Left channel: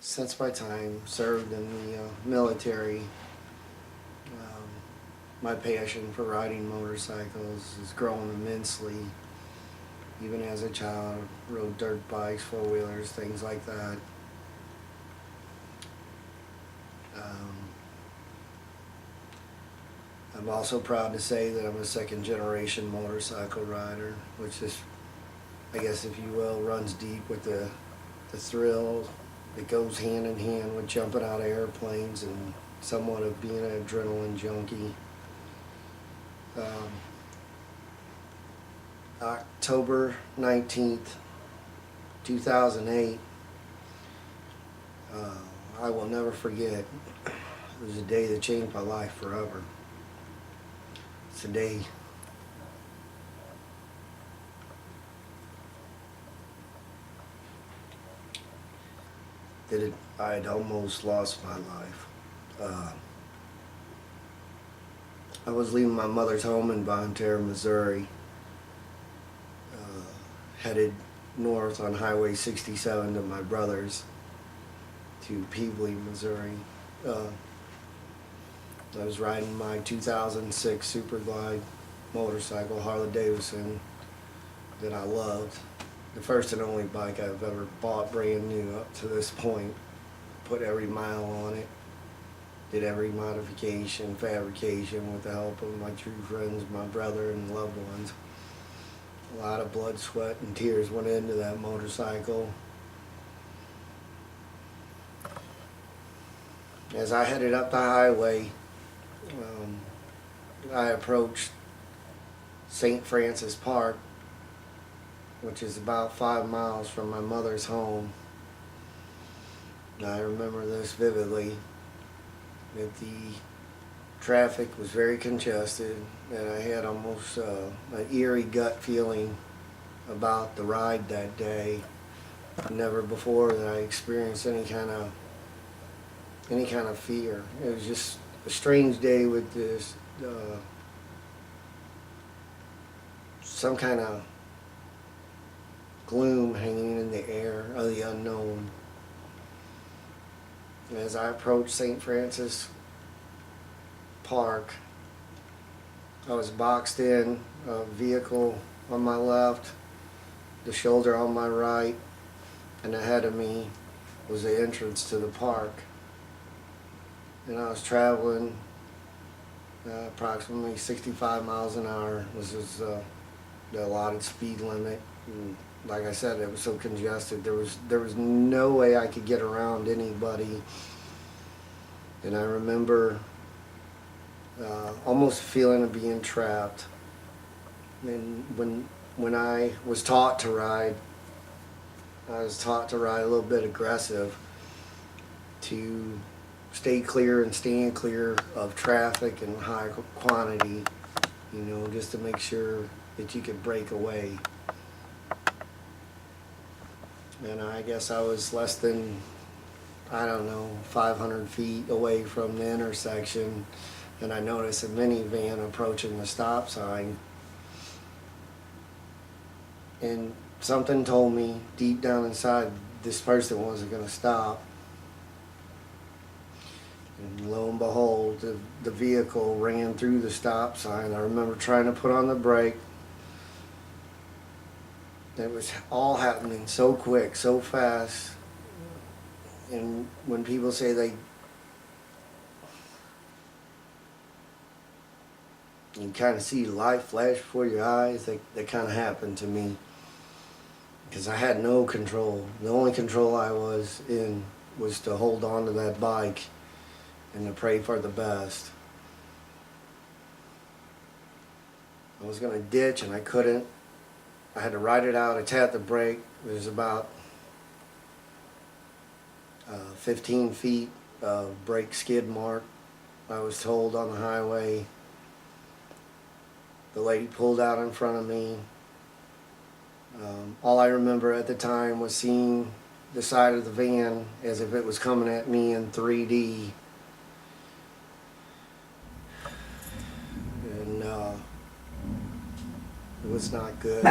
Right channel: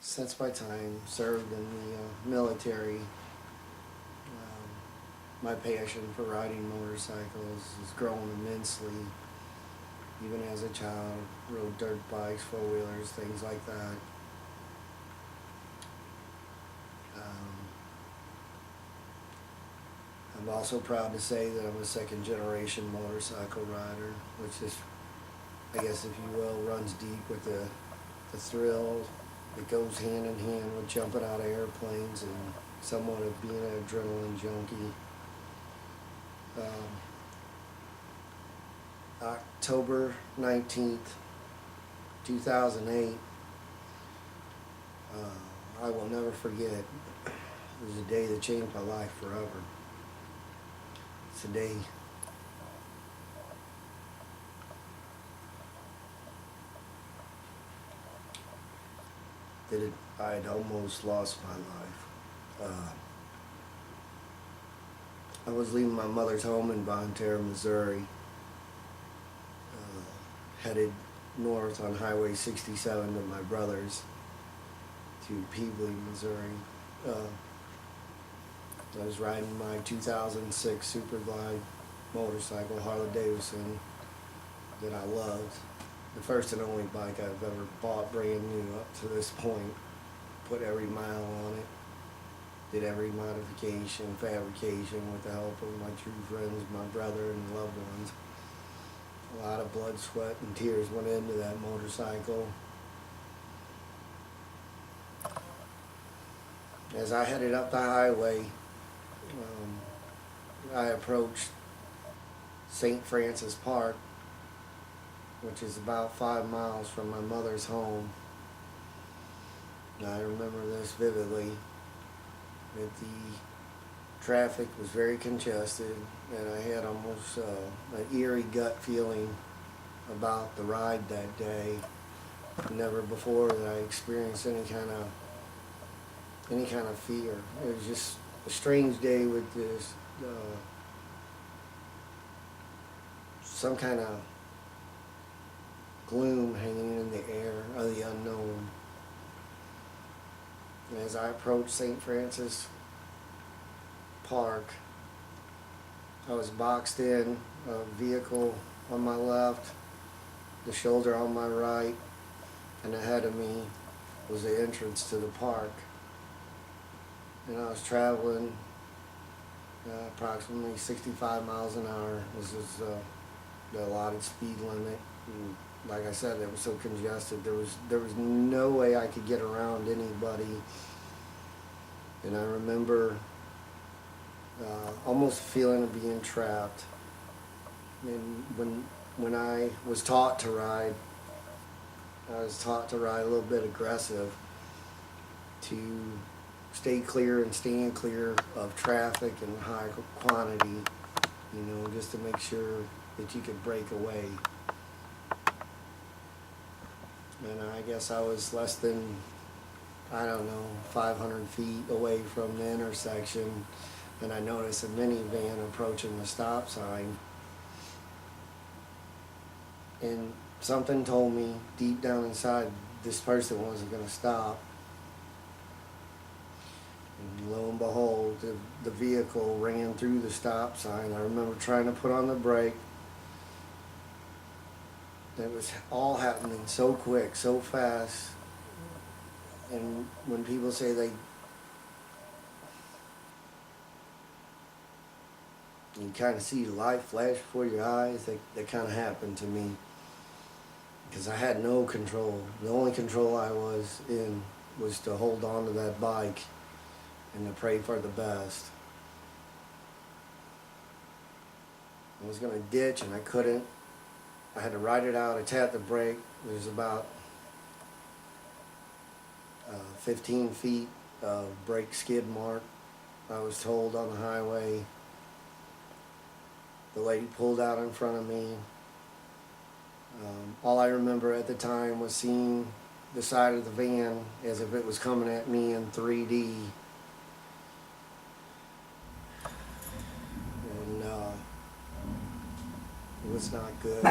since my time served in the military, my passion for riding motorcycles has grown immensely. Even as a child, rode dirt bikes, four-wheelers, things like that. I'm also proud to say that I'm a second-generation motorcycle rider, which is, I guess if you will, runs deep with the thrill that goes hand in hand with jumping out of airplanes and somewhat of being an adrenaline junkie. October 19th, 2008, I will never forget. It was a day that changed my life forever. It's a day that I had almost lost my life. I was leaving my mother's home in Von Terre, Missouri, headed north on Highway 67 to my brother's, to Peebly, Missouri. I was riding my 2006 Super Glide motorcycle, Harley Davidson, that I loved. The first and only bike I've ever bought brand new up to this point. Put every mile on it. Did every modification, fabrication with the help of my true friends, my brother and loved ones. A lot of blood, sweat, and tears went into that motorcycle. As I headed up the highway, I approached St. Francis Park, which is about 5 miles from my mother's home. I remember this vividly, that the traffic was very congested, and I had almost an eerie gut feeling about the ride that day. Never before that I experienced any kind of fear. It was just a strange day with this some kind of gloom hanging in the air of the unknown. As I approached St. Francis Park, I was boxed in, a vehicle on my left, the shoulder on my right, and ahead of me was the entrance to the park. And I was traveling approximately 65 miles an hour, which was the allotted speed limit. And like I said, it was so congested. There was no way I could get around anybody. And I remember almost feeling of being trapped. And when I was taught to ride, I was taught to ride a little bit aggressive, to stay clear and stand clear of traffic and high quantity, you know, just to make sure that you could break away. And I guess I was less than, I don't know, 500 feet away from the intersection, and I noticed a minivan approaching the stop sign. And something told me deep down inside this person wasn't going to stop. And lo and behold, the vehicle ran through the stop sign. I remember trying to put on the brake. It was all happening so quick, so fast. And when people say you kind of see life flash before your eyes, that kind of happened to me. Because I had no control. The only control I was in was to hold on to that bike and to pray for the best. I was going to ditch and I couldn't. I had to ride it out. I tapped the brake. There's about 15 feet of brake skid mark, I was told, on the highway. The lady pulled out in front of me. All I remember at the time was seeing the side of the van as if it was coming at me in 3D. And it was not good.